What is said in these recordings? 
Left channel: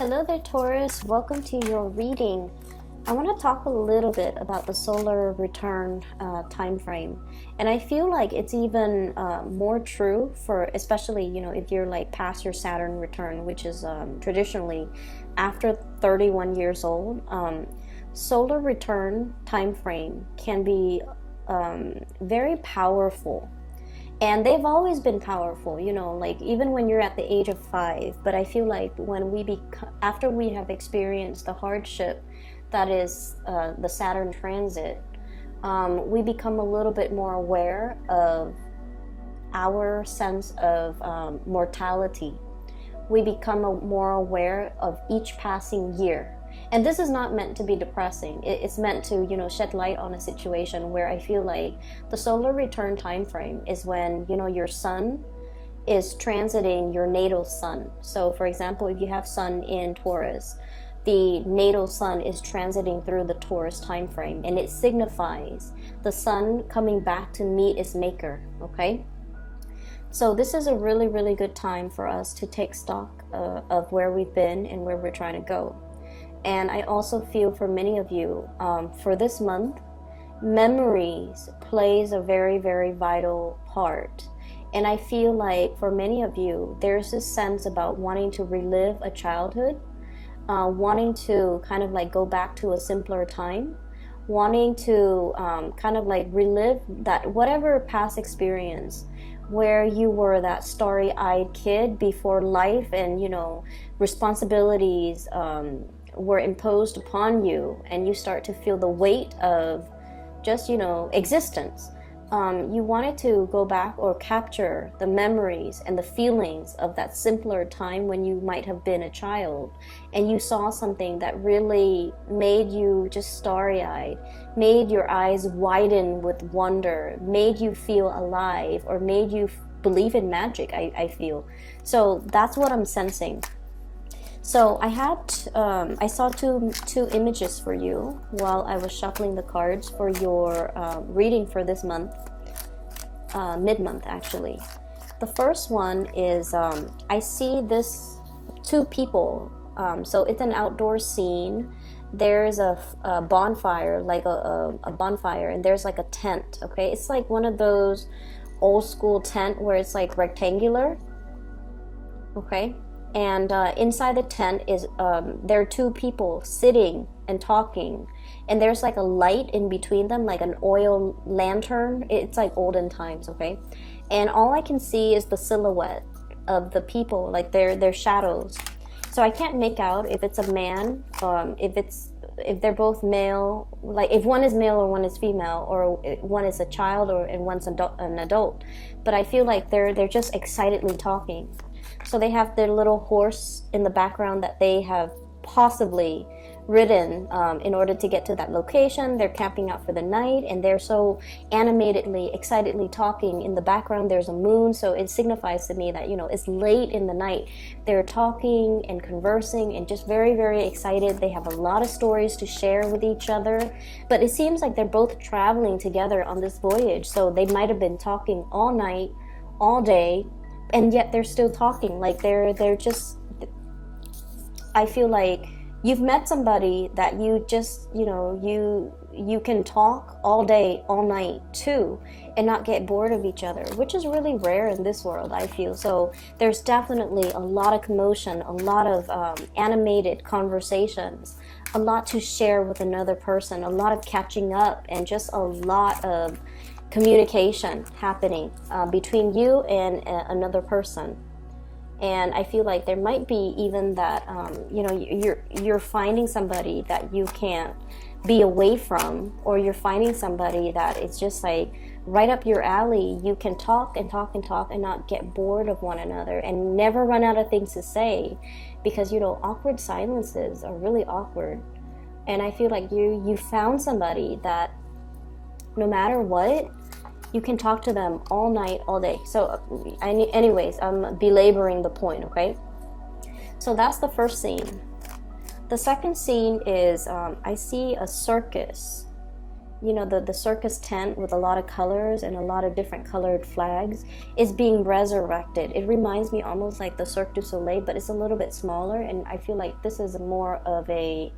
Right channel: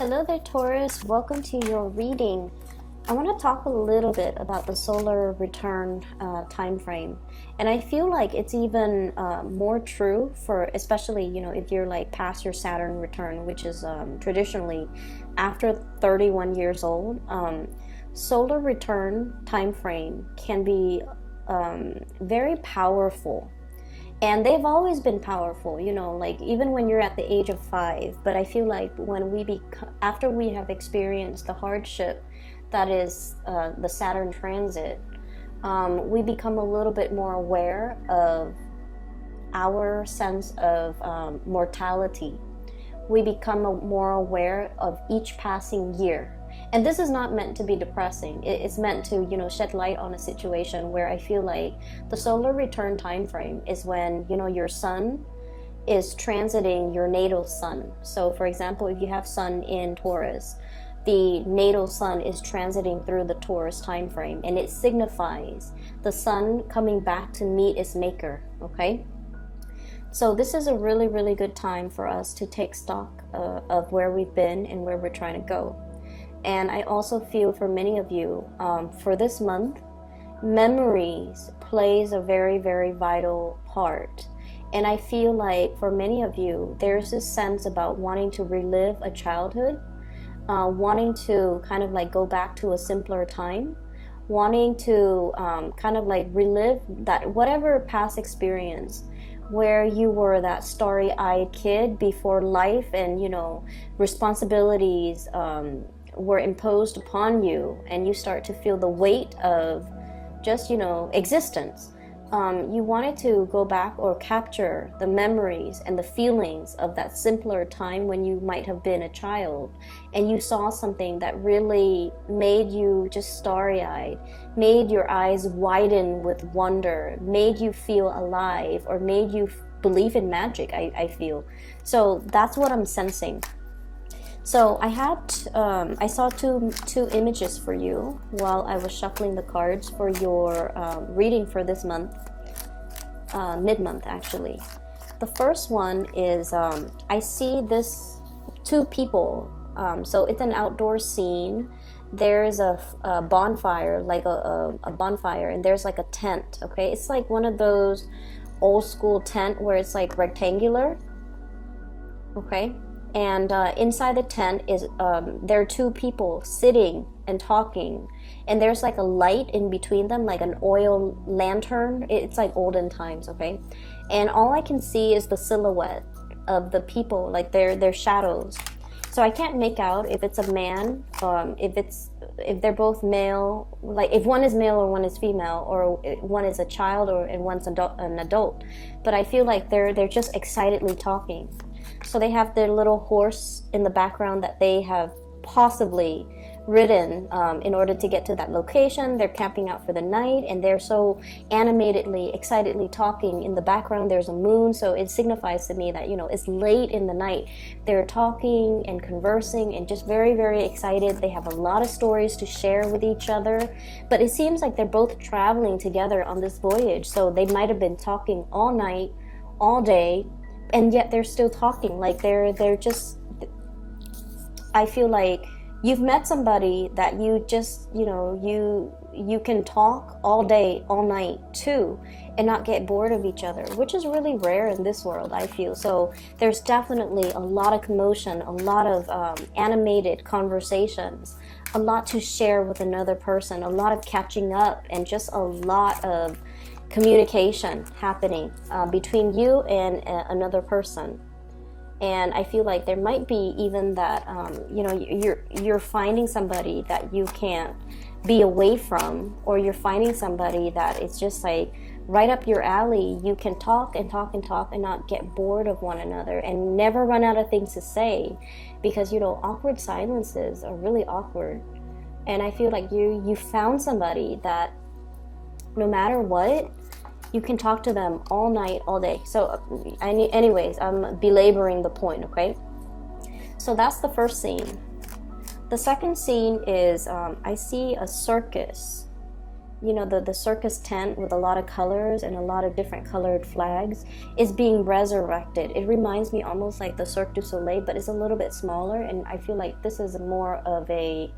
Hello there, Taurus. Welcome to your reading. I want to talk a little bit about the solar return time frame, and I feel like it's even more true for, especially if you're like past your Saturn return, which is traditionally after 31 years old. Solar return time frame can be very powerful. And they've always been powerful, like even when you're at the age of 5. But I feel like after we have experienced the hardship that is the Saturn transit, we become a little bit more aware of our sense of mortality. We become more aware of each passing year. And this is not meant to be depressing. It's meant to, shed light on a situation where I feel like the solar return time frame is when, your sun is transiting your natal sun. So, for example, if you have sun in Taurus, the natal sun is transiting through the Taurus time frame, and it signifies the sun coming back to meet its maker, okay? So this is a really, really good time for us to take stock of where we've been and where we're trying to go. And I also feel for many of you, for this month, memories plays a very, very vital part. And I feel like for many of you, there's this sense about wanting to relive a childhood, wanting to kind of like go back to a simpler time, wanting to kind of like relive that whatever past experience where you were that starry-eyed kid before life and, responsibilities were imposed upon you, and you start to feel the weight of just existence. You wanted to go back or capture the memories and the feelings of that simpler time when you might have been a child, and you saw something that really made you just starry-eyed, made your eyes widen with wonder, made you feel alive, or made you believe in magic. I feel so that's what I'm sensing. So I saw two images for you while I was shuffling the cards for your reading for this month, mid-month actually. The first one is I see this two people. So it's an outdoor scene. There's a bonfire, like a bonfire, and there's like a tent. Okay, it's like one of those old school tent where it's like rectangular. Okay. And inside the tent is there are two people sitting and talking, and there's like a light in between them, like an oil lantern. It's like olden times, okay? And all I can see is the silhouette of the people, like their shadows. So I can't make out if it's a man, if they're both male, like if one is male or one is female, or one is a child and one's an adult. But I feel like they're just excitedly talking. So they have their little horse in the background that they have possibly ridden in order to get to that location. They're camping out for the night, and they're so animatedly, excitedly talking. In the background, there's a moon, so it signifies to me that, it's late in the night. They're talking and conversing and just very, very excited. They have a lot of stories to share with each other, but it seems like they're both traveling together on this voyage. So they might have been talking all night, all day, and yet they're still talking. Like they're just, I feel like you've met somebody that you just, you can talk all day, all night too, and not get bored of each other, which is really rare in this world, I feel. So there's definitely a lot of commotion, a lot of animated conversations, a lot to share with another person, a lot of catching up, and just a lot of communication happening between you and another person. And I feel like there might be even that you're finding somebody that you can't be away from, or you're finding somebody that it's just like right up your alley. You can talk and talk and talk and not get bored of one another, and never run out of things to say, because awkward silences are really awkward. And I feel like you found somebody that no matter what, you can talk to them all night, all day. So anyways, I'm belaboring the point, okay? So that's the first scene. The second scene is I see a circus, you know, the circus tent with a lot of colors and a lot of different colored flags is being resurrected. It reminds me almost like the Cirque du Soleil, but it's a little bit smaller, and I feel like this is more of a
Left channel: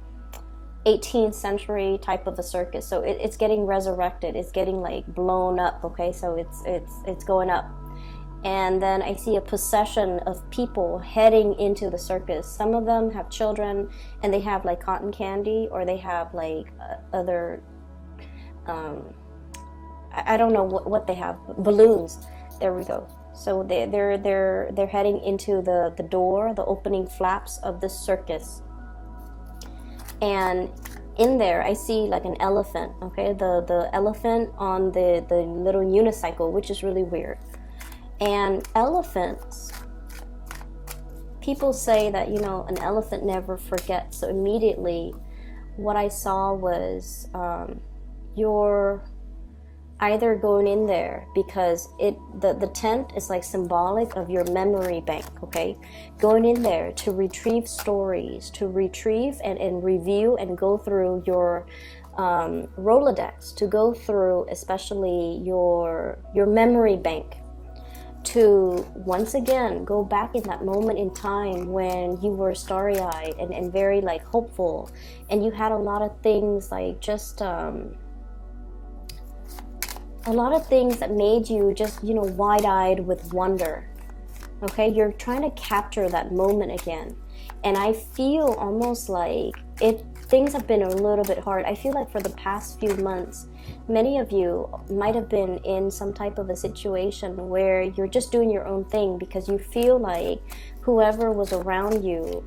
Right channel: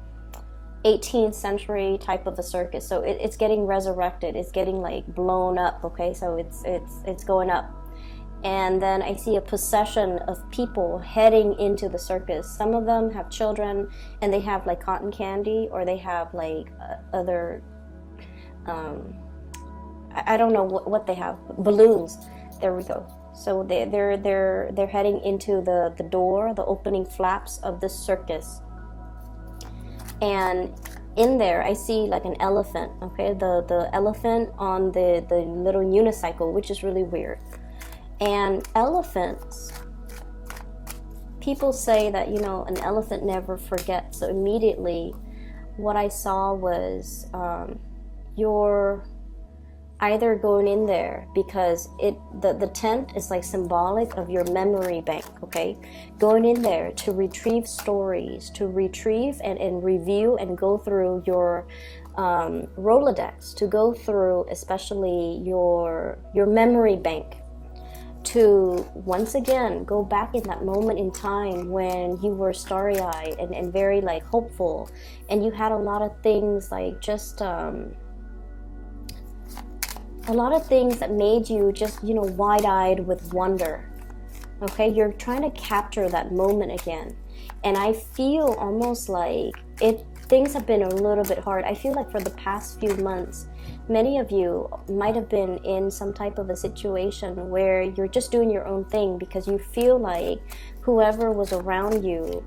18th century type of a circus. So it's getting resurrected. It's getting like blown up. Okay, so it's going up. And then I see a procession of people heading into the circus. Some of them have children, and they have like cotton candy, or they have like other, I don't know what they have, balloons. There we go. So they're heading into the door, the opening flaps of the circus. And in there, I see like an elephant. Okay, the elephant on the little unicycle, which is really weird. And elephants, people say that, you know, an elephant never forgets. So immediately what I saw was you're either going in there because the tent is like symbolic of your memory bank, okay? Going in there to retrieve stories, to retrieve and review and go through your Rolodex, to go through especially your memory bank, to once again go back in that moment in time when you were starry-eyed and very like hopeful, and you had a lot of things like just a lot of things that made you just, you know, wide-eyed with wonder. Okay, you're trying to capture that moment again, and I feel almost like things have been a little bit hard. I feel like for the past few months, many of you might have been in some type of a situation where you're just doing your own thing because you feel like whoever was around you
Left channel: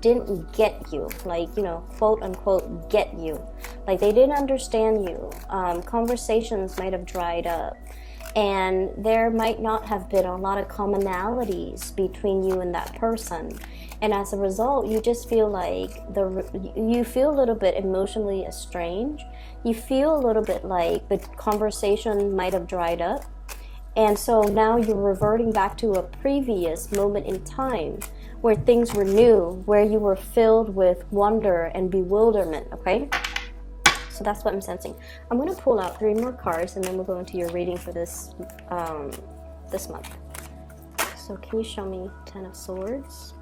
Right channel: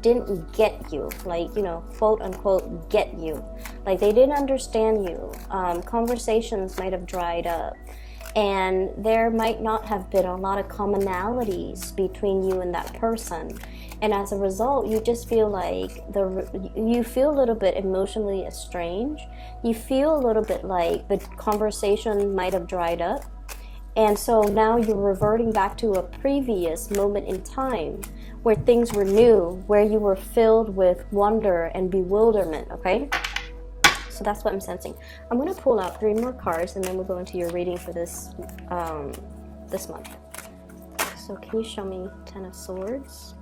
didn't get you, like, you know, quote unquote, get you. Like they didn't understand you. Conversations might have dried up. And there might not have been a lot of commonalities between you and that person. And as a result, you just feel like you feel a little bit emotionally estranged. You feel a little bit like the conversation might have dried up. And so now you're reverting back to a previous moment in time where things were new, where you were filled with wonder and bewilderment, okay? So that's what I'm sensing. I'm going to pull out 3 more cards, and then we'll go into your reading for this this month. So can you show me 10 of Swords?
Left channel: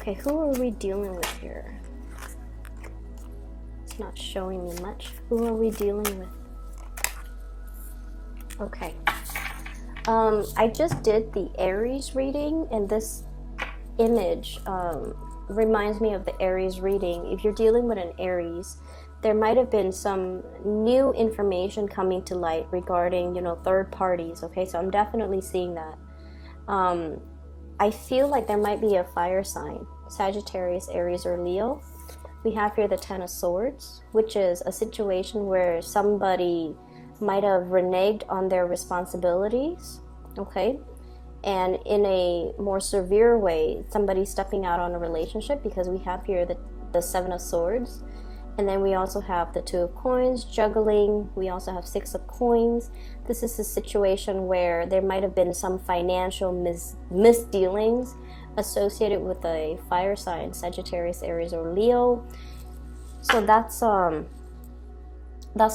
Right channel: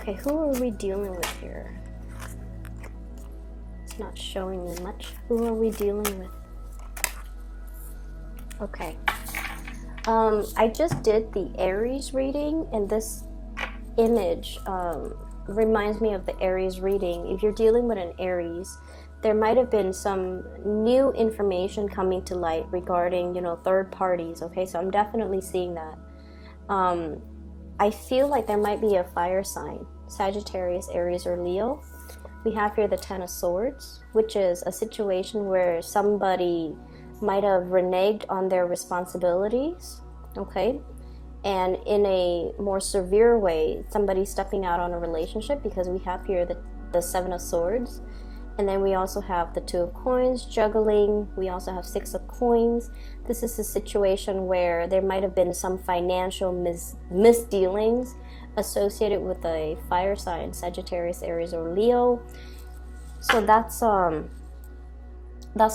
Okay, who are we dealing with here? It's not showing me much. Who are we dealing with? Okay. I just did the Aries reading, and this image reminds me of the Aries reading. If you're dealing with an Aries, there might have been some new information coming to light regarding, you know, third parties. Okay, so I'm definitely seeing that. I feel like there might be a fire sign, Sagittarius, Aries, or Leo. We have here the 10 of Swords, which is a situation where somebody might have reneged on their responsibilities, okay? And in a more severe way, somebody stepping out on a relationship, because we have here the 7 of Swords. And then we also have the 2 of Coins, juggling. We also have 6 of Coins. This is a situation where there might have been some financial misdealings associated with a fire sign, Sagittarius, Aries, or Leo. So that's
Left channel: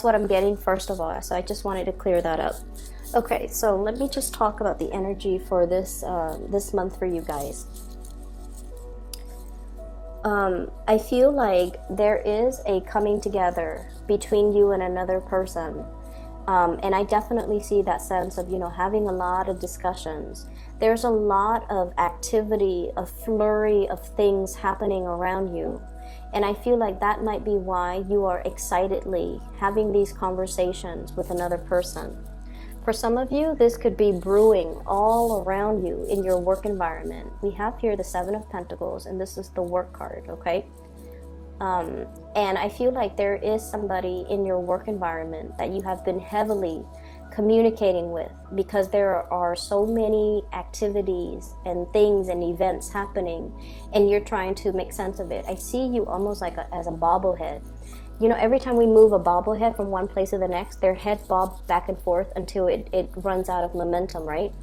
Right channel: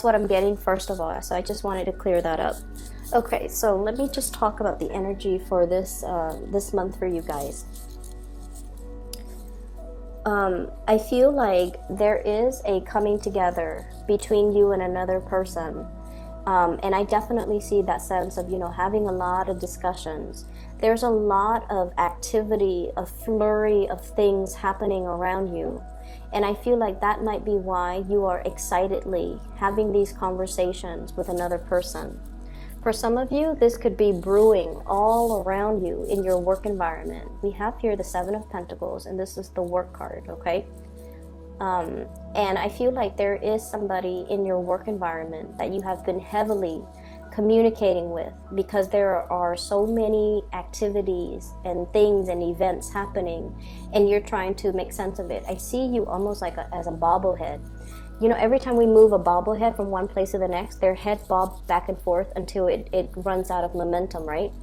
what I'm getting first of all. So I just wanted to clear that up. Okay, so let me just talk about the energy for this month for you guys. I feel like there is a coming together between you and another person. And I definitely see that sense of, you know, having a lot of discussions. There's a lot of activity, a flurry of things happening around you. And I feel like that might be why you are excitedly having these conversations with another person. For some of you, this could be brewing all around you in your work environment. We have here the 7 of Pentacles, and this is the work card, okay? And I feel like there is somebody in your work environment that you have been heavily communicating with, because there are so many activities and things and events happening, and you're trying to make sense of it. I see you almost like as a bobblehead. You know, every time we move a bobblehead from one place to the next, their head bobs back and forth until it runs out of momentum, right?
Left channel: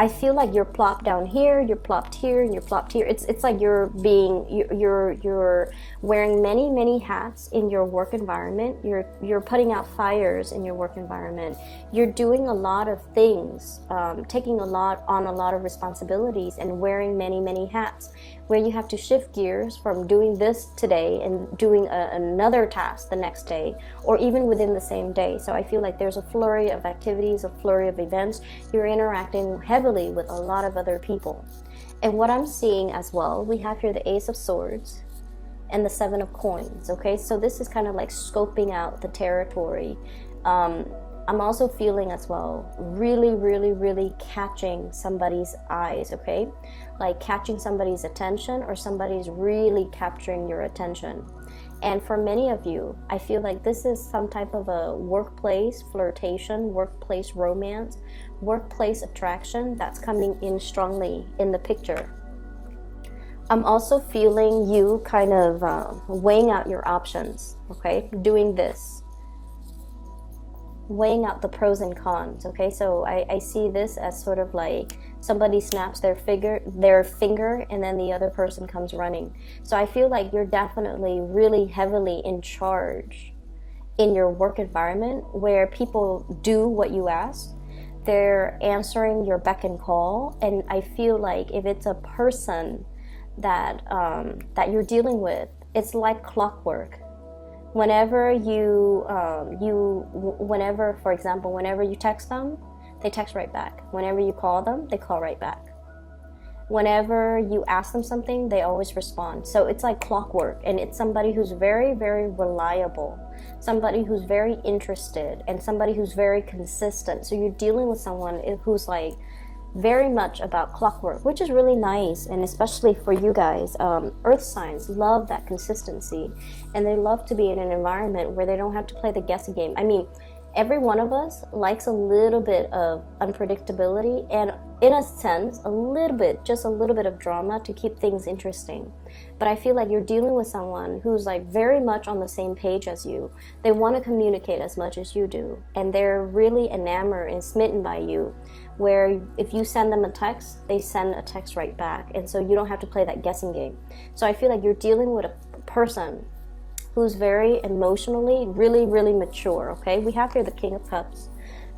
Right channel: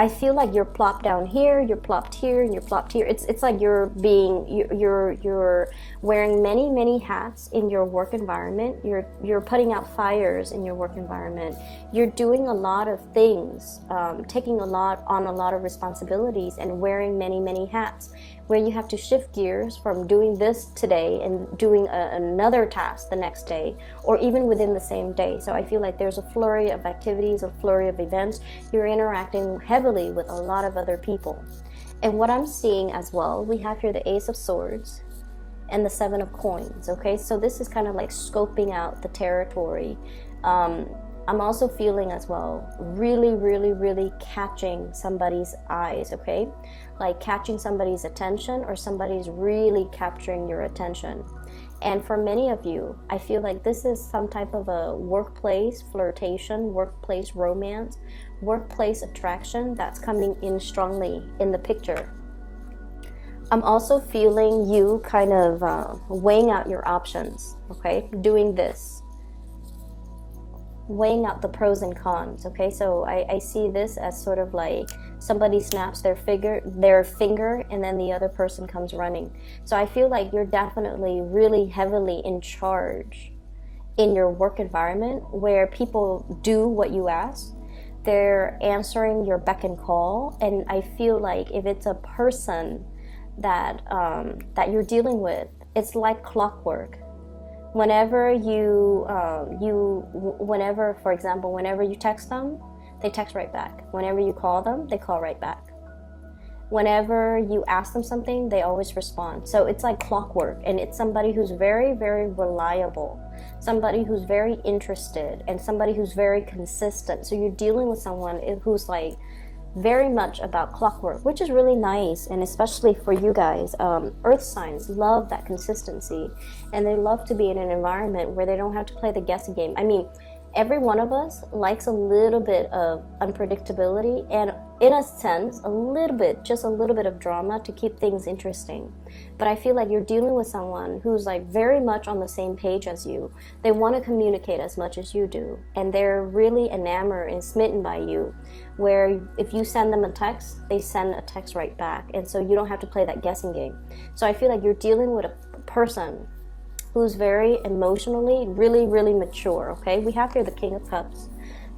I feel like you're plopped down here, you're plopped here, and you're plopped here. It's like you're wearing many hats in your work environment. You're putting out fires in your work environment. You're doing a lot of things, taking a lot of responsibilities, and wearing many hats. Where you have to shift gears from doing this today and doing another task the next day, or even within the same day. So I feel like there's a flurry of activities, a flurry of events. You're interacting heavily with a lot of other people. And what I'm seeing as well, we have here the Ace of Swords and the Seven of Coins, okay? So this is kind of like scoping out the territory. I'm also feeling as well, really catching somebody's eyes, okay? Like catching somebody's attention, or somebody's really capturing your attention. And for many of you, I feel like this is some type of a workplace flirtation, workplace romance, workplace attraction that's coming in strongly in the picture. I'm also feeling you kind of weighing out your options, okay? Doing this. Weighing out the pros and cons, okay? So I see this as sort of like somebody snaps their finger and then the other person comes running. So I feel like you're definitely really heavily in charge in your work environment, where people do what you ask. They're answering your beck and call. And I feel like if it's a person that you're dealing with, it's like clockwork. Whenever for example, whenever you text them, they text right back. Whenever you call them, they call right back. Whenever you ask them something, they always respond. So it's like clockwork, and it's somebody who's very reliable, somebody who's very interested, and somebody who's very consistent. So you're dealing with someone who's like very much about clockwork, which is really nice. And especially for you guys, earth signs love that consistency, and they love to be in an environment where they don't have to play the guessing game. I mean, every one of us likes a little bit of unpredictability, and in a sense, just a little bit of drama to keep things interesting. But I feel like you're dealing with someone who's like very much on the same page as you. They want to communicate as much as you do, and they're really enamored and smitten by you, where if you send them a text, they send a text right back, and so you don't have to play that guessing game. So I feel like you're dealing with a person who's very emotionally really mature, okay? We have here the King of Cups.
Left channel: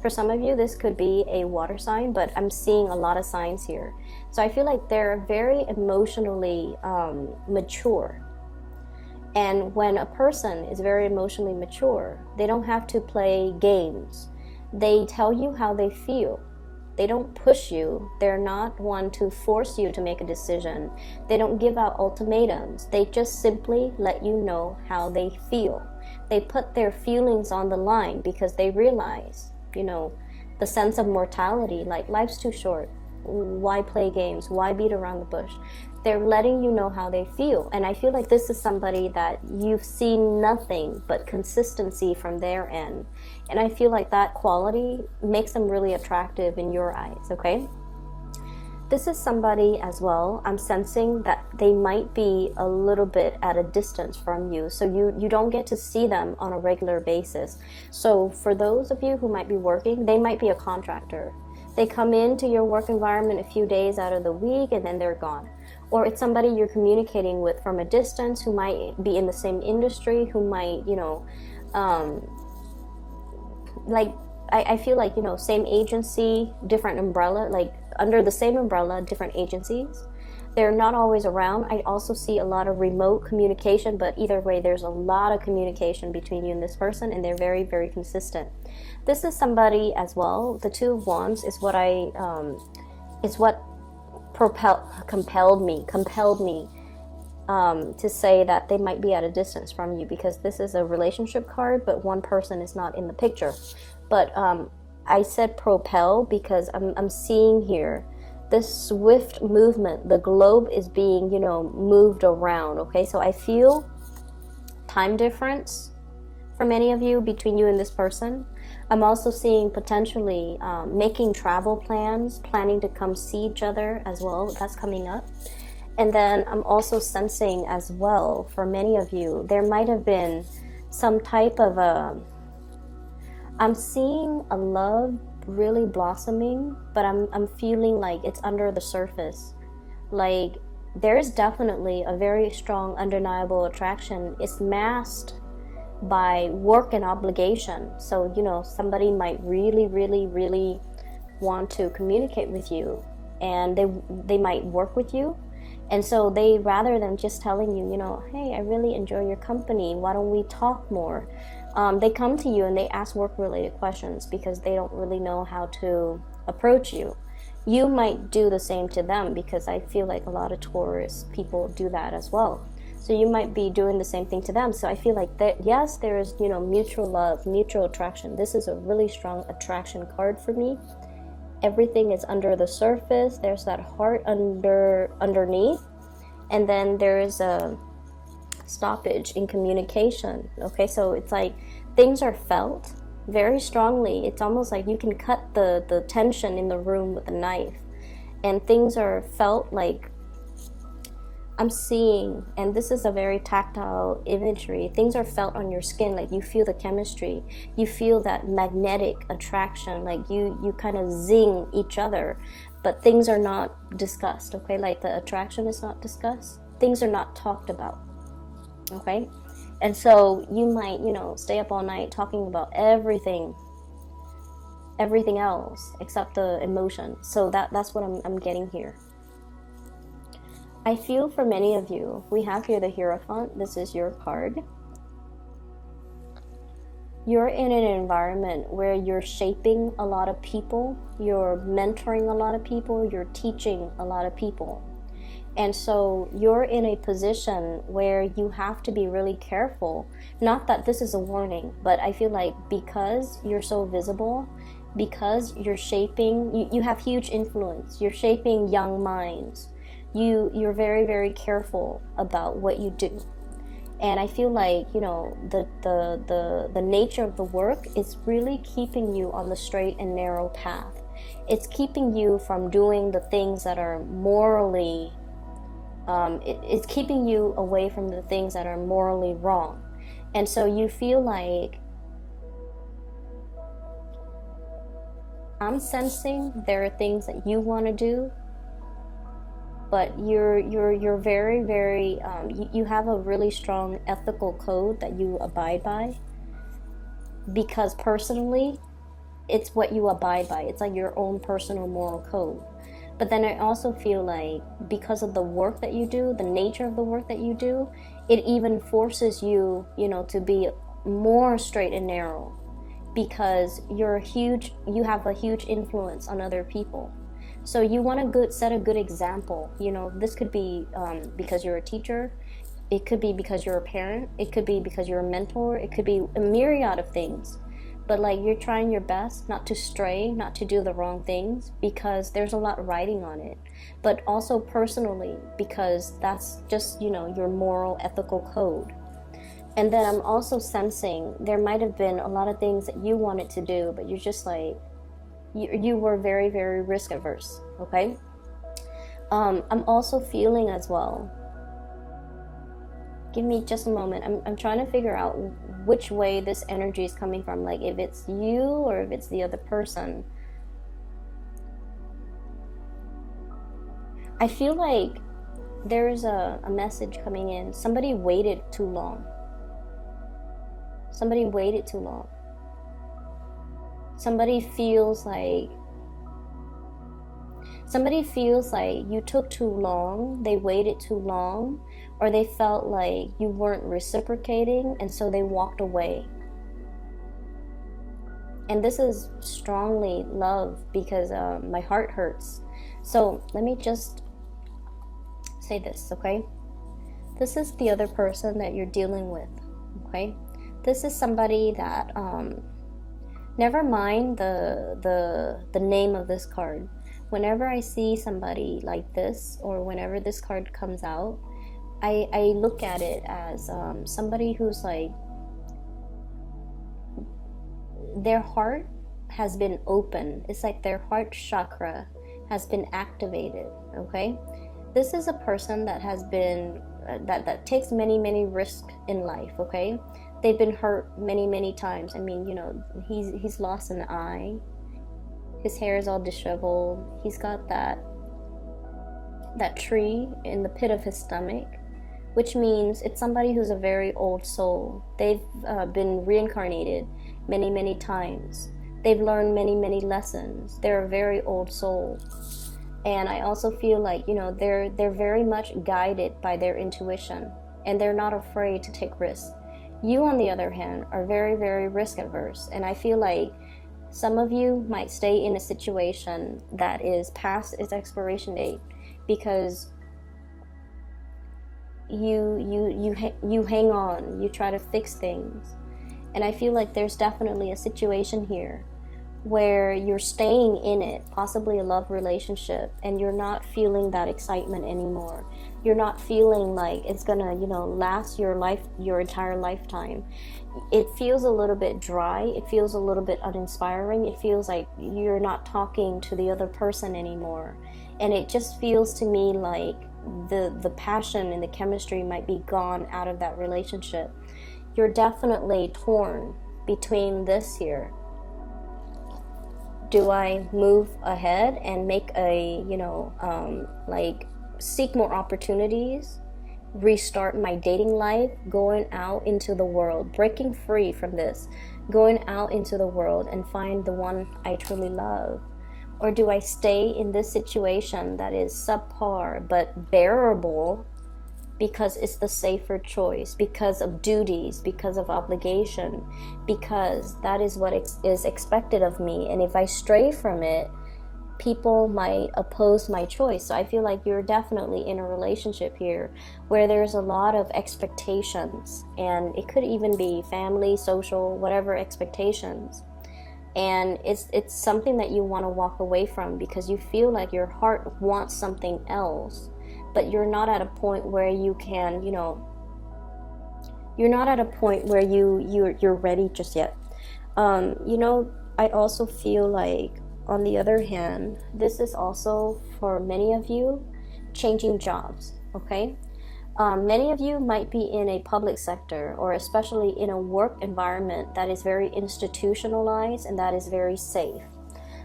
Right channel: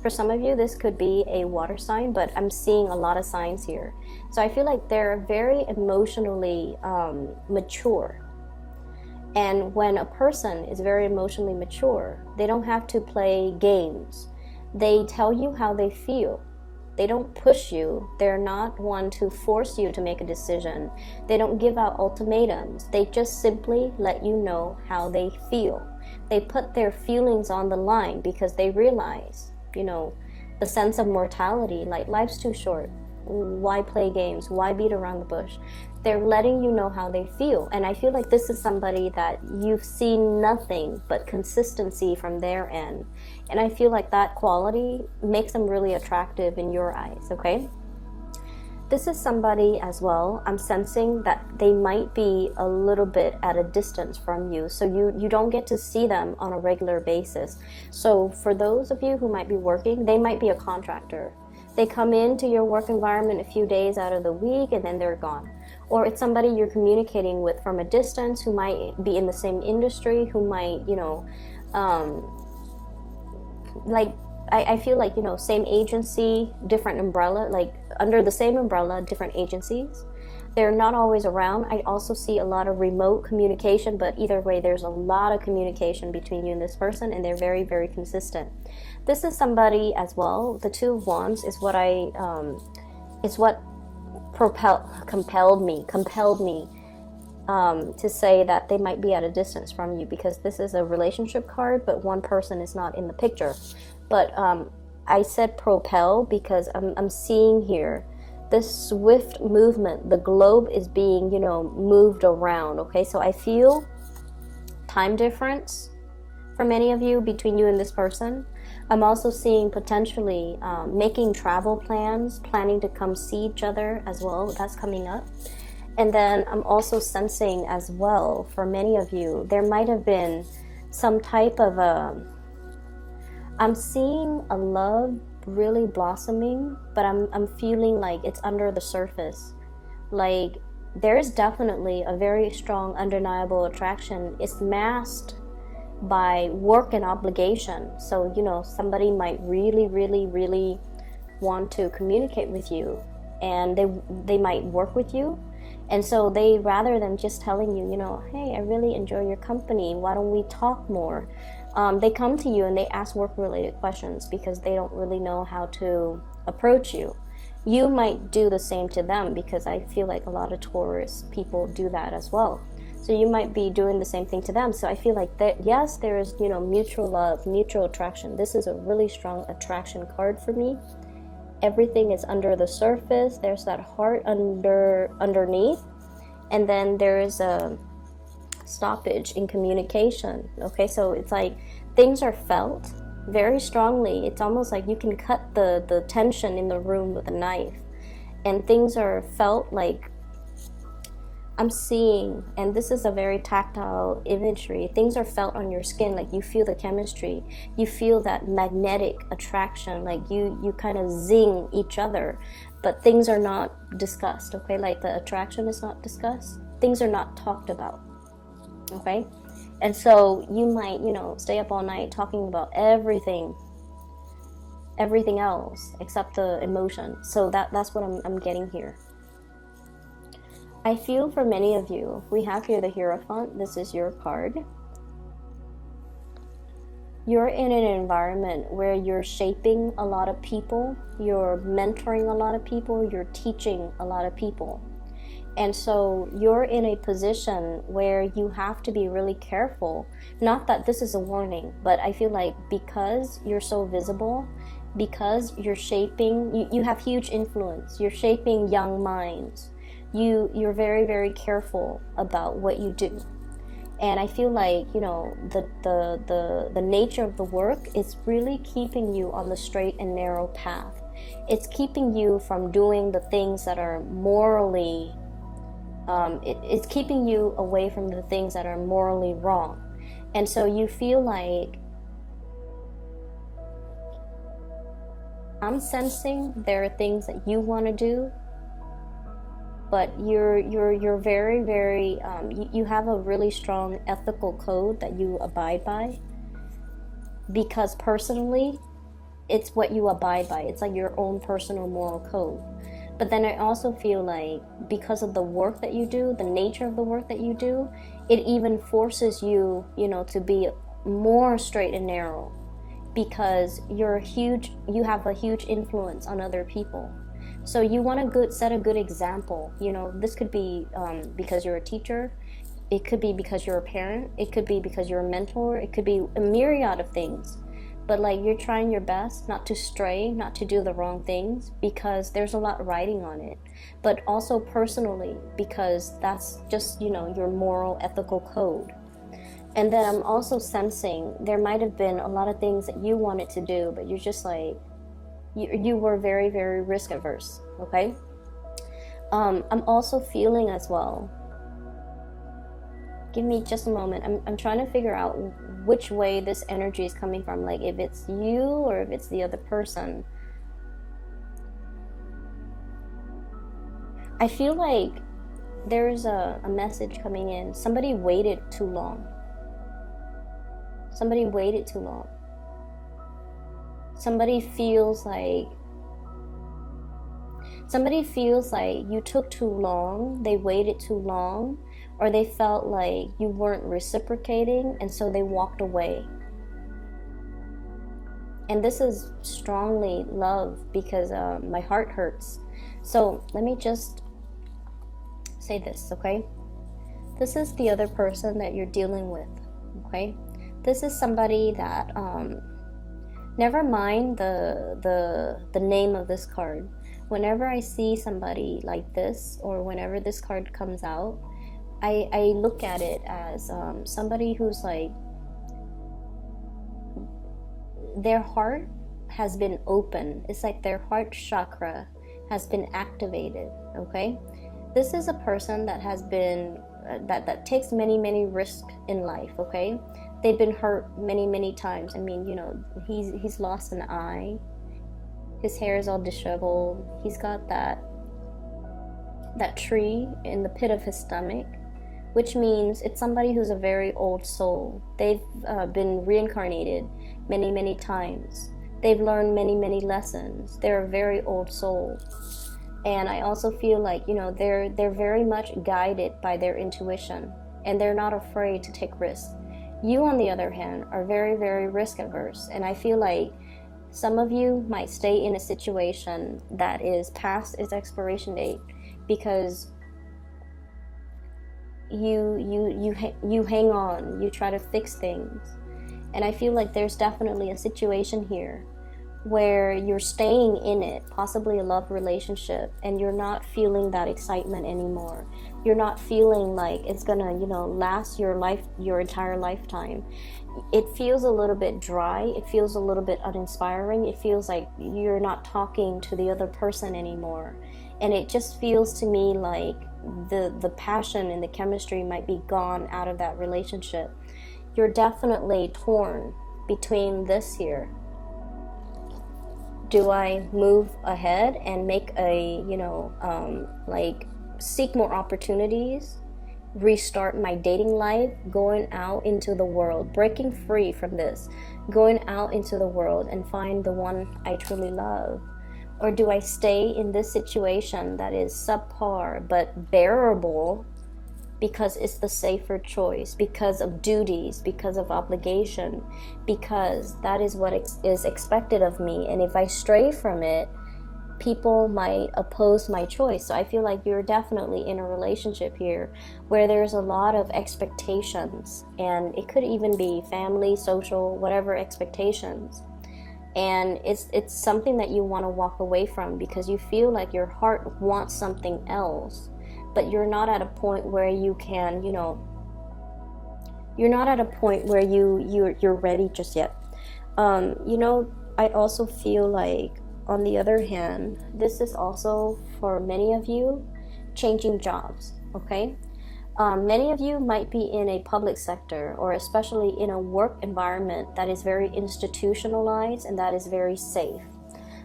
For some of you, this could be a water sign, but I'm seeing a lot of signs here. So I feel like they're very emotionally mature. And when a person is very emotionally mature, they don't have to play games. They tell you how they feel. They don't push you. They're not one to force you to make a decision. They don't give out ultimatums. They just simply let you know how they feel. They put their feelings on the line because they realize, the sense of mortality, like life's too short. Why play games? Why beat around the bush? They're letting you know how they feel. And I feel like this is somebody that you've seen nothing but consistency from their end. And I feel like that quality makes them really attractive in your eyes, okay? This is somebody as well, I'm sensing that they might be a little bit at a distance from you. So you don't get to see them on a regular basis. So for those of you who might be working, they might be a contractor. They come into your work environment a few days out of the week and then they're gone. Or it's somebody you're communicating with from a distance who might be in the same industry, who might, I feel like, same agency, different umbrella, like under the same umbrella, different agencies. They're not always around. I also see a lot of remote communication, but either way, there's a lot of communication between you and this person, and they're very, very consistent. This is somebody as well. The Two of Wands is what compelled me to say that they might be at a distance from you, because this is a relationship card, but one person is not in the picture. But I said propel because I'm seeing here this swift movement. The globe is being, moved around, okay? So I feel time difference for many of you between you and this person. I'm also seeing potentially making travel plans, planning to come see each other as well. That's coming up. And then I'm also sensing as well, for many of you, there might have been some type of I'm seeing a love really blossoming, but I'm feeling like it's under the surface. Like there's definitely a very strong undeniable attraction. It's masked by work and obligation. So, you know, somebody might really, really, really want to communicate with you, and they might work with you. And so they, rather than just telling you, you know, hey, I really enjoy your company, why don't we talk more? They come to you and they ask work-related questions because they don't really know how to approach you. You might do the same to them, because I feel like a lot of Taurus people do that as well. So you might be doing the same thing to them. So I feel like that, yes, there is, you know, mutual love, mutual attraction. This is a really strong attraction card for me. Everything is under the surface. There's that heart underneath, and then there's a stoppage in communication. Okay, so it's like things are felt very strongly. It's almost like you can cut the tension in the room with a knife, and things are felt like, I'm seeing, and this is a very tactile imagery, things are felt on your skin, like you feel the chemistry, you feel that magnetic attraction, like you kind of zing each other, but things are not discussed, okay? Like the attraction is not discussed, things are not talked about, okay? And so you might, you know, stay up all night talking about everything else except the emotion. So that's what I'm getting here. I feel for many of you, we have here the Hierophant. This is your card. You're in an environment where you're shaping a lot of people, you're mentoring a lot of people, you're teaching a lot of people. And so you're in a position where you have to be really careful. Not that this is a warning, but I feel like because you're so visible, because you're shaping, you have huge influence, you're shaping young minds. You're very, very careful about what you do. And I feel like, you know, the nature of the work is really keeping you on the straight and narrow path. It's keeping you from doing the things that are morally, it's keeping you away from the things that are morally wrong. And so you feel like, I'm sensing there are things that you want to do, but you're very, very, you have a really strong ethical code that you abide by, because personally, it's what you abide by. It's like your own personal moral code. But then I also feel like because of the work that you do, the nature of the work that you do, it even forces you, you know, to be more straight and narrow, because you have a huge influence on other people. So you want to set a good example. You know, this could be because you're a teacher. It could be because you're a parent. It could be because you're a mentor. It could be a myriad of things. But like, you're trying your best not to stray, not to do the wrong things, because there's a lot riding on it. But also personally, because that's just, you know, your moral, ethical code. And then I'm also sensing there might have been a lot of things that you wanted to do, but you're just like, you were very, very risk averse, okay? I'm also feeling as well, give me just a moment, I'm trying to figure out which way this energy is coming from, like if it's you or if it's the other person. I feel like there's a message coming in. Somebody waited too long. Somebody waited too long. Somebody feels like you took too long, they waited too long, or they felt like you weren't reciprocating, and so they walked away. And this is strongly love, because my heart hurts. So let me just say this, okay? This is the other person that you're dealing with, okay? This is somebody that never mind the name of this card. Whenever I see somebody like this, or whenever this card comes out, I look at it as somebody who's like, their heart has been open. It's like their heart chakra has been activated, okay? This is a person that has been, that takes many, many risks in life, okay? They've been hurt many, many times. I mean, you know, he's lost an eye. His hair is all disheveled. He's got that tree in the pit of his stomach, which means it's somebody who's a very old soul. They've been reincarnated many, many times. They've learned many, many lessons. They're a very old soul. And I also feel like, you know, they're very much guided by their intuition, and they're not afraid to take risks. You, on the other hand, are very, very risk averse, and I feel like some of you might stay in a situation that is past its expiration date because you hang on, you try to fix things. And I feel like there's definitely a situation here where you're staying in it, possibly a love relationship, and you're not feeling that excitement anymore. You're not feeling like it's gonna, you know, last your entire lifetime. It feels a little bit dry. It feels a little bit uninspiring. It feels like you're not talking to the other person anymore. And it just feels to me like the passion and the chemistry might be gone out of that relationship. You're definitely torn between this here. Do I move ahead and make a, you know, like seek more opportunities, restart my dating life, going out into the world, breaking free from this, going out into the world and find the one I truly love? Or do I stay in this situation that is subpar but bearable because it's the safer choice, because of duties, because of obligation, because that is what is expected of me, and if I stray from it, people might oppose my choice? So I feel like you're definitely in a relationship here where there's a lot of expectations, and it could even be family, social, whatever expectations. And it's something that you want to walk away from because you feel like your heart wants something else, but you're not at a point where you can, you know, you're not at a point where you're ready just yet. You know, I also feel like, on the other hand, this is also for many of you changing jobs, okay? Many of you might be in a public sector, or especially in a work environment that is very institutionalized and that is very safe.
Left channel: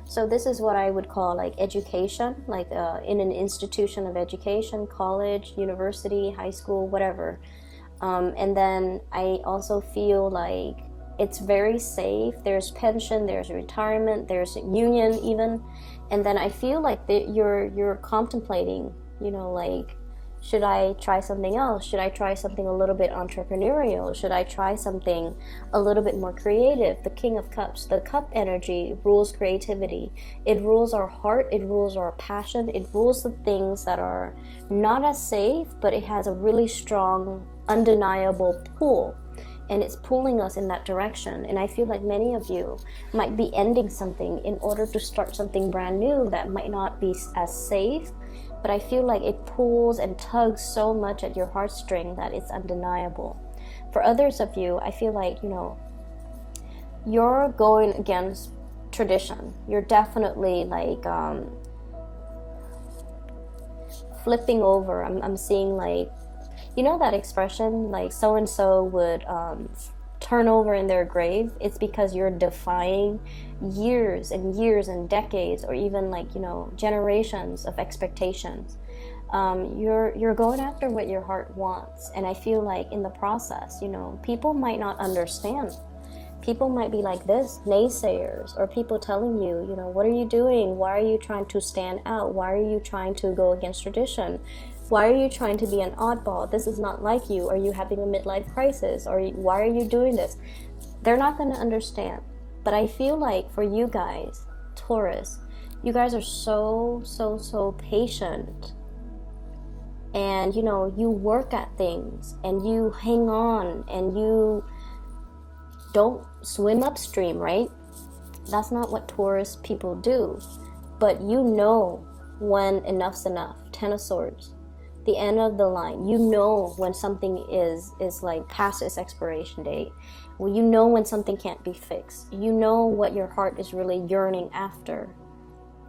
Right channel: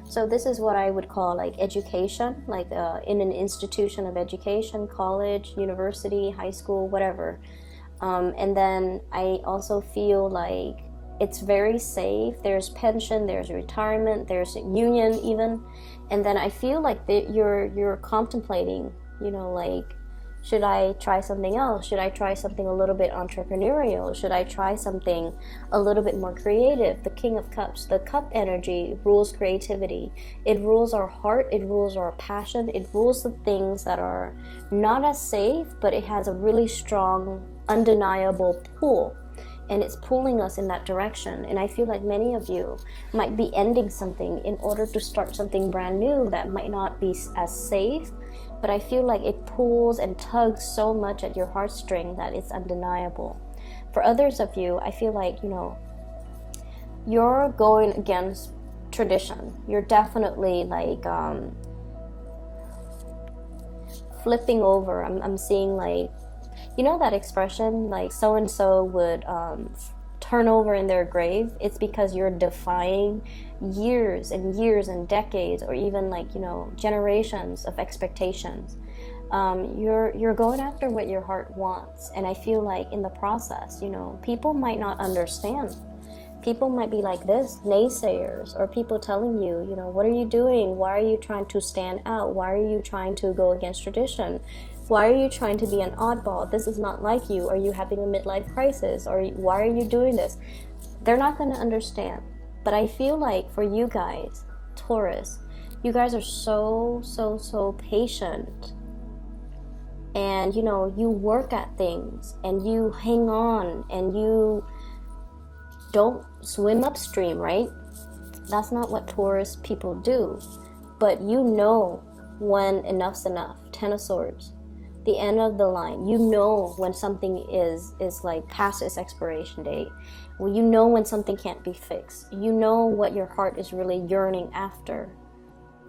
So this is what I would call like education, like in an institution of education, college, university, high school, whatever. And then I also feel like it's very safe. There's pension, there's retirement, there's a union even. And then I feel like that you're contemplating, you know, like, should I try something else? Should I try something a little bit entrepreneurial? Should I try something a little bit more creative? The King of Cups, the cup energy rules creativity. It rules our heart, it rules our passion, it rules the things that are not as safe, but it has a really strong, undeniable pull. And it's pulling us in that direction. And I feel like many of you might be ending something in order to start something brand new that might not be as safe, but I feel like it pulls and tugs so much at your heartstring that it's undeniable. For others of you, I feel like, you know, you're going against tradition. You're definitely like flipping over. I'm seeing like, you know that expression, like so-and-so would turn over in their grave? It's because you're defying years and years and decades, or even like, you know, generations of expectations. You're going after what your heart wants. And I feel like in the process, you know, people might not understand. People might be like this, naysayers, or people telling you, you know, what are you doing? Why are you trying to stand out? Why are you trying to go against tradition? Why are you trying to be an oddball? This is not like you. Are you having a midlife crisis? Or why are you doing this? They're not going to understand. But I feel like for you guys, Taurus, you guys are so patient. And, you know, you work at things and you hang on and you don't swim upstream, right? That's not what Taurus people do. But you know when enough's enough. Ten of Swords. The end of the line. You know when something is like past its expiration date. Well, you know when something can't be fixed. You know what your heart is really yearning after.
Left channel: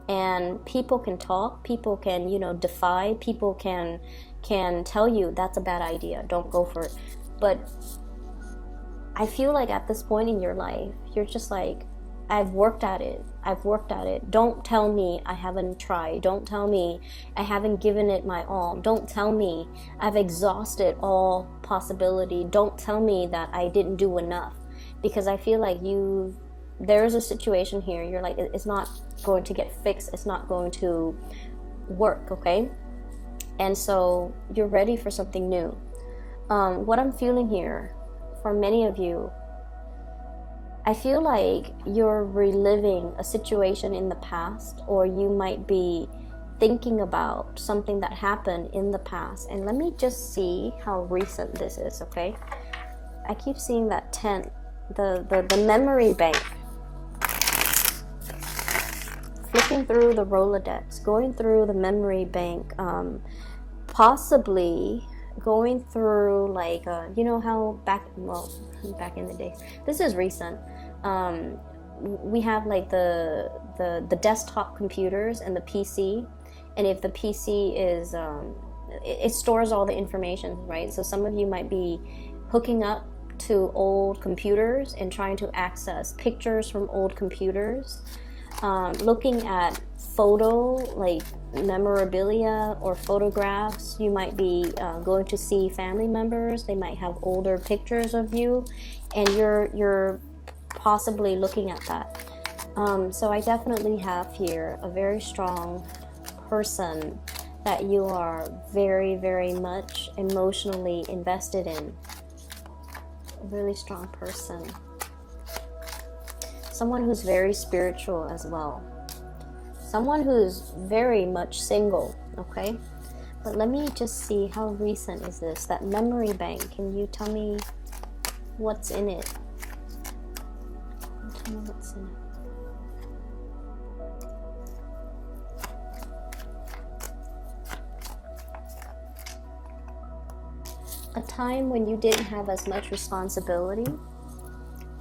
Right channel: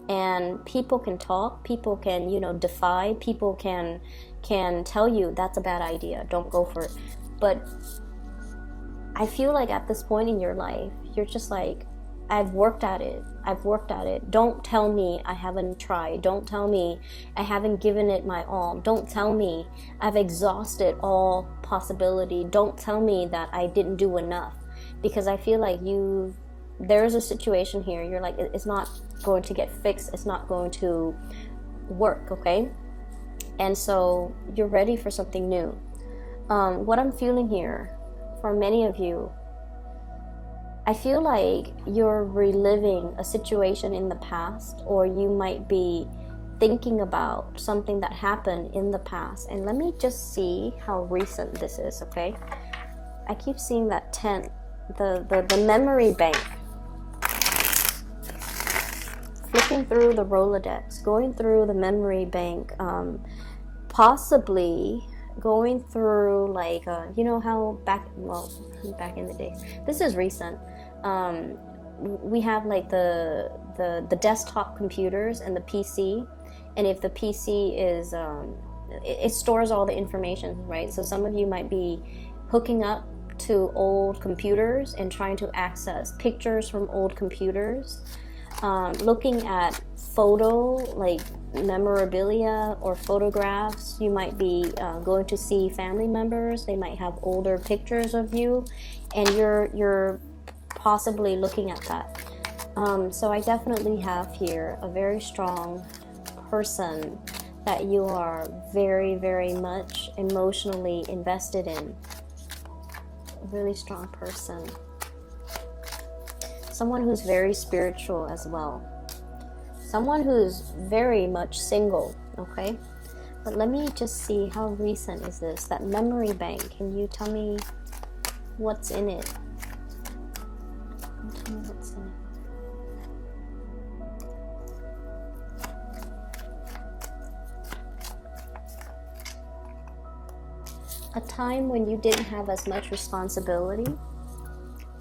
And people can talk. People can, you know, defy. People can tell you that's a bad idea. Don't go for it. But I feel like at this point in your life, you're just like, I've worked at it. I've worked at it. Don't tell me I haven't tried. Don't tell me I haven't given it my all. Don't tell me I've exhausted all possibility. Don't tell me that I didn't do enough. Because I feel like there's a situation here. You're like, it's not going to get fixed. It's not going to work, okay? And so you're ready for something new. What I'm feeling here, for many of you, I feel like you're reliving a situation in the past, or you might be thinking about something that happened in the past. And let me just see how recent this is, okay? I keep seeing that 10, the memory bank. Looking through the Rolodex, going through the memory bank, possibly going through like, you know how back in the day, this is recent, we have like the desktop computers and the PC, and if the PC is it stores all the information, right? So some of you might be hooking up to old computers and trying to access pictures from old computers, looking at like memorabilia or photographs. You might be going to see family members. They might have older pictures of you, and you're possibly looking at that. So I definitely have here a very strong person that you are very, very much emotionally invested in. A really strong person. Someone who's very spiritual as well. Someone who's very much single, okay? But let me just see, how recent is this? That memory bank, can you tell me what's in it? Tell me what's in it. A time when you didn't have as much responsibility.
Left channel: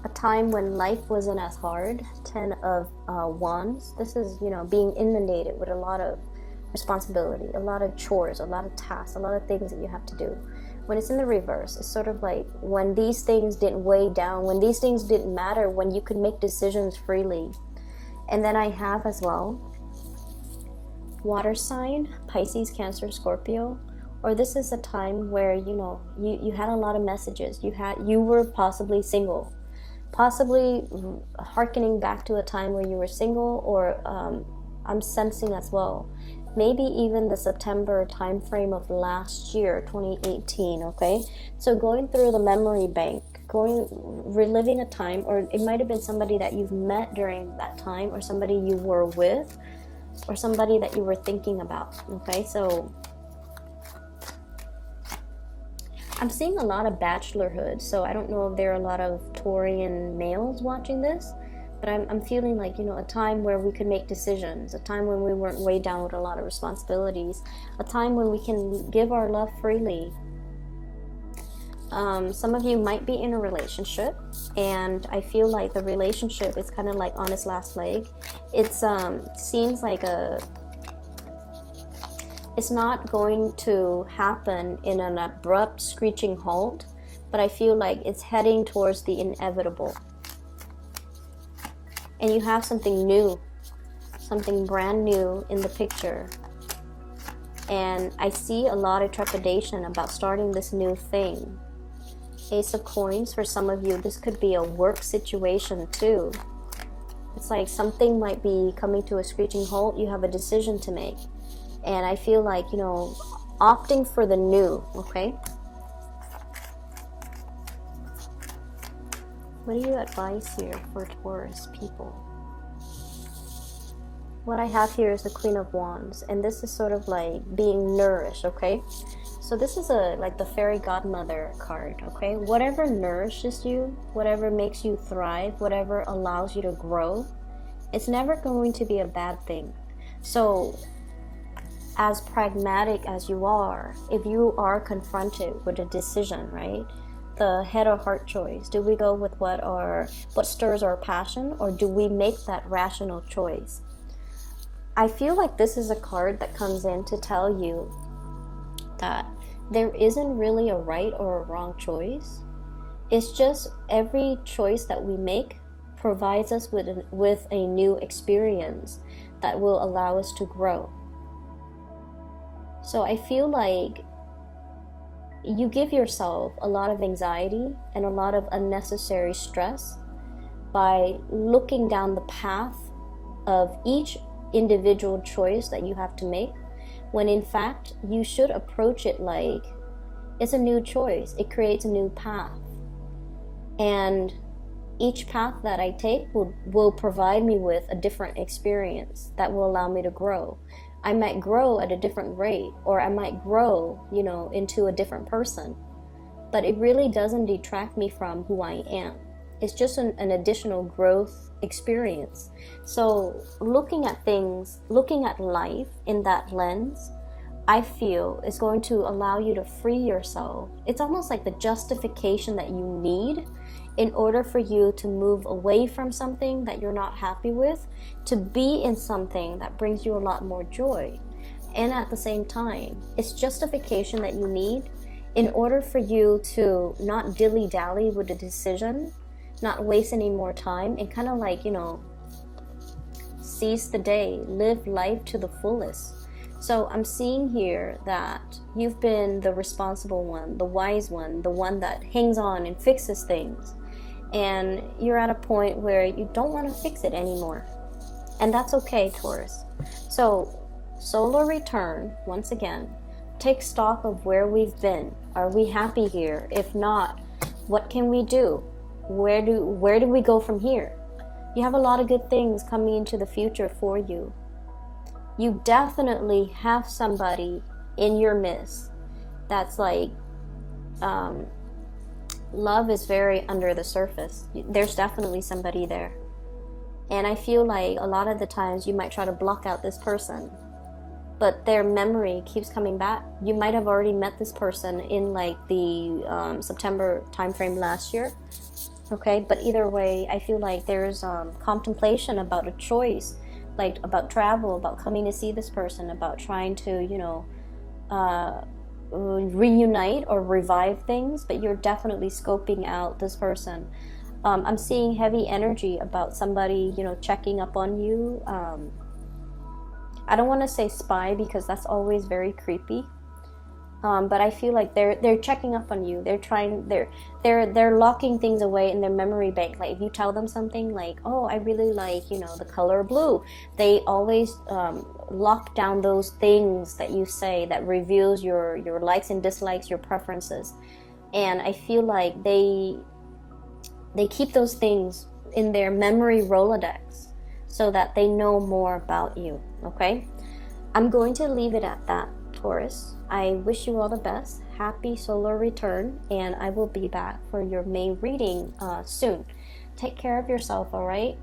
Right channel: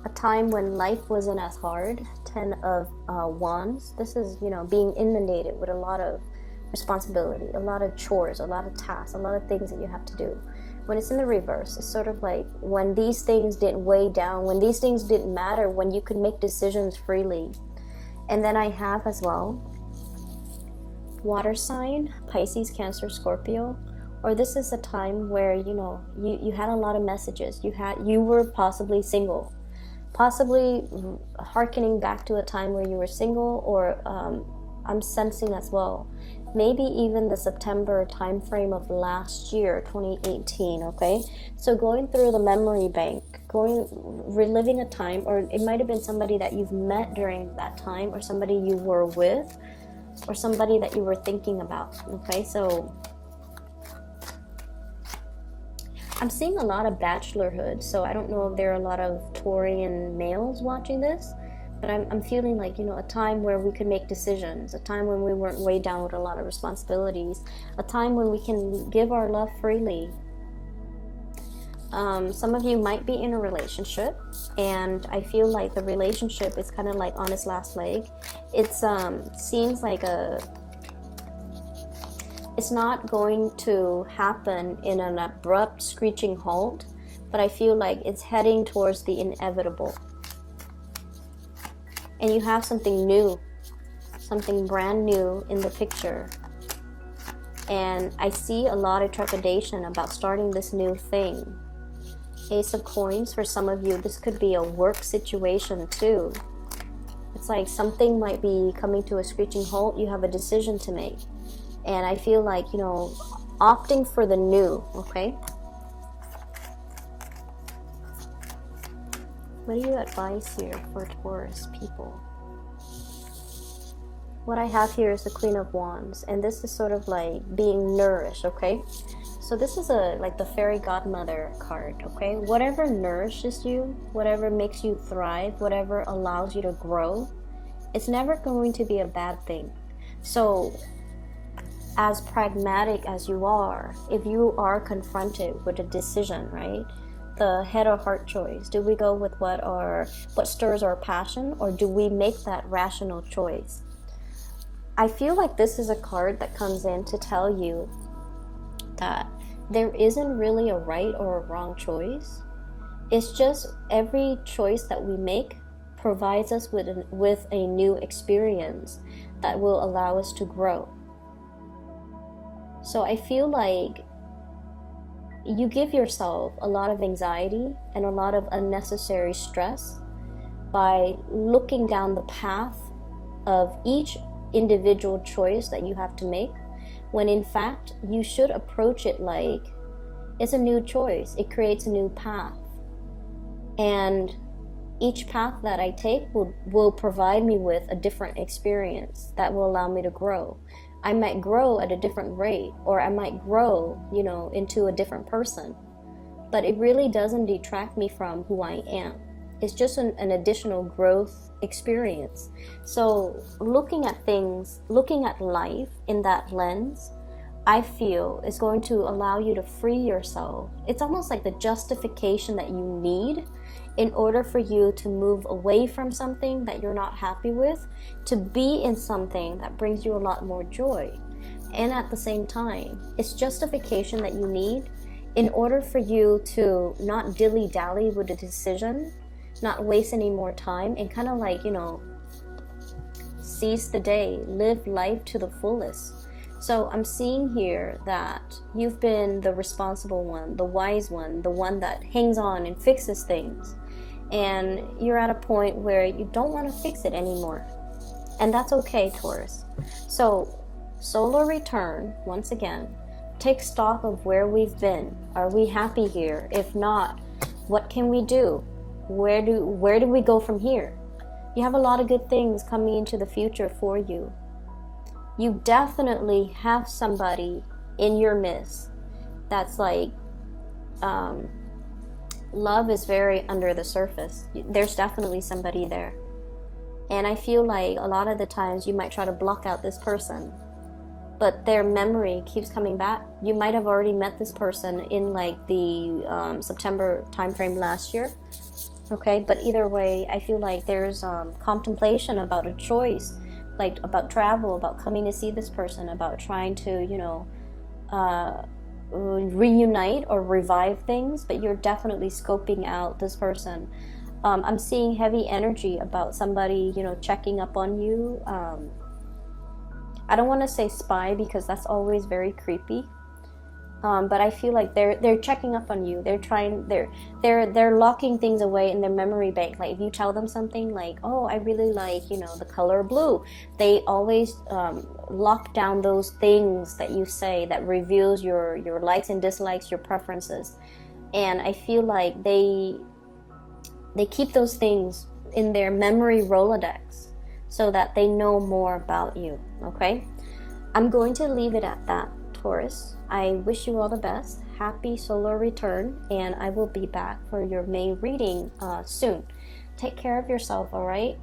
A time when life wasn't as hard. 10 of Wands. This is, being inundated with a lot of responsibility, a lot of chores, a lot of tasks, a lot of things that you have to do. When it's in the reverse, it's sort of like when these things didn't weigh down, when these things didn't matter, when you could make decisions freely. And then I have as well, water sign, Pisces, Cancer, Scorpio. Or this is a time where, you had a lot of messages. You were possibly single. Possibly hearkening back to a time where you were single, or I'm sensing as well, maybe even the September time frame of last year, 2018, okay? So going through the memory bank, reliving a time, or it might have been somebody that you've met during that time, or somebody you were with, or somebody that you were thinking about, okay? So I'm seeing a lot of bachelorhood, so I don't know if there are a lot of Taurian males watching this, but I'm feeling like, a time where we can make decisions, a time when we weren't weighed down with a lot of responsibilities, a time when we can give our love freely. Some of you might be in a relationship, and I feel like the relationship is kind of like on its last leg. It's seems like it's not going to happen in an abrupt, screeching halt, but I feel like it's heading towards the inevitable. And you have something new, something brand new in the picture. And I see a lot of trepidation about starting this new thing. Ace of Coins, for some of you, this could be a work situation too. It's like something might be coming to a screeching halt. You have a decision to make. And I feel like, opting for the new, okay? What do you advise here for Taurus people? What I have here is the Queen of Wands, and this is sort of like being nourished, okay? So this is like the fairy godmother card, okay? Whatever nourishes you, whatever makes you thrive, whatever allows you to grow, it's never going to be a bad thing. So as pragmatic as you are, if you are confronted with a decision, right? The head or heart choice. Do we go with what stirs our passion, or do we make that rational choice? I feel like this is a card that comes in to tell you that there isn't really a right or a wrong choice. It's just every choice that we make provides us with a new experience that will allow us to grow. So I feel like you give yourself a lot of anxiety and a lot of unnecessary stress by looking down the path of each individual choice that you have to make, when in fact you should approach it like it's a new choice. It creates a new path, and each path that I take will provide me with a different experience that will allow me to grow. I might grow at a different rate, or I might grow, into a different person. But it really doesn't detract me from who I am. It's just an additional growth experience. So looking at things, looking at life in that lens, I feel is going to allow you to free yourself. It's almost like the justification that you need in order for you to move away from something that you're not happy with, to be in something that brings you a lot more joy. And at the same time, it's justification that you need in order for you to not dilly-dally with a decision, not waste any more time, and kind of like, seize the day, live life to the fullest. So I'm seeing here that you've been the responsible one, the wise one, the one that hangs on and fixes things. And you're at a point where you don't want to fix it anymore. And that's okay, Taurus. So, solar return, once again, take stock of where we've been. Are we happy here? If not, what can we do? Where do we go from here? You have a lot of good things coming into the future for you. You definitely have somebody in your midst that's like, love is very under the surface. There's definitely somebody there. And I feel like a lot of the times you might try to block out this person, but their memory keeps coming back. You might have already met this person in like the September timeframe last year. Okay, but either way, I feel like there's contemplation about a choice, like about travel, about coming to see this person, about trying to, reunite or revive things, but you're definitely scoping out this person. I'm seeing heavy energy about somebody, checking up on you. I don't want to say spy because that's always very creepy. But I feel like they're checking up on you. They're locking things away in their memory bank. Like if you tell them something like, oh, I really like, the color blue, they always lock down those things that you say that reveals your likes and dislikes, your preferences. And I feel like they keep those things in their memory Rolodex so that they know more about you. Okay, I'm going to leave it at that, Taurus. I wish you all the best. Happy solar return, and I will be back for your May reading soon. Take care of yourself, all right?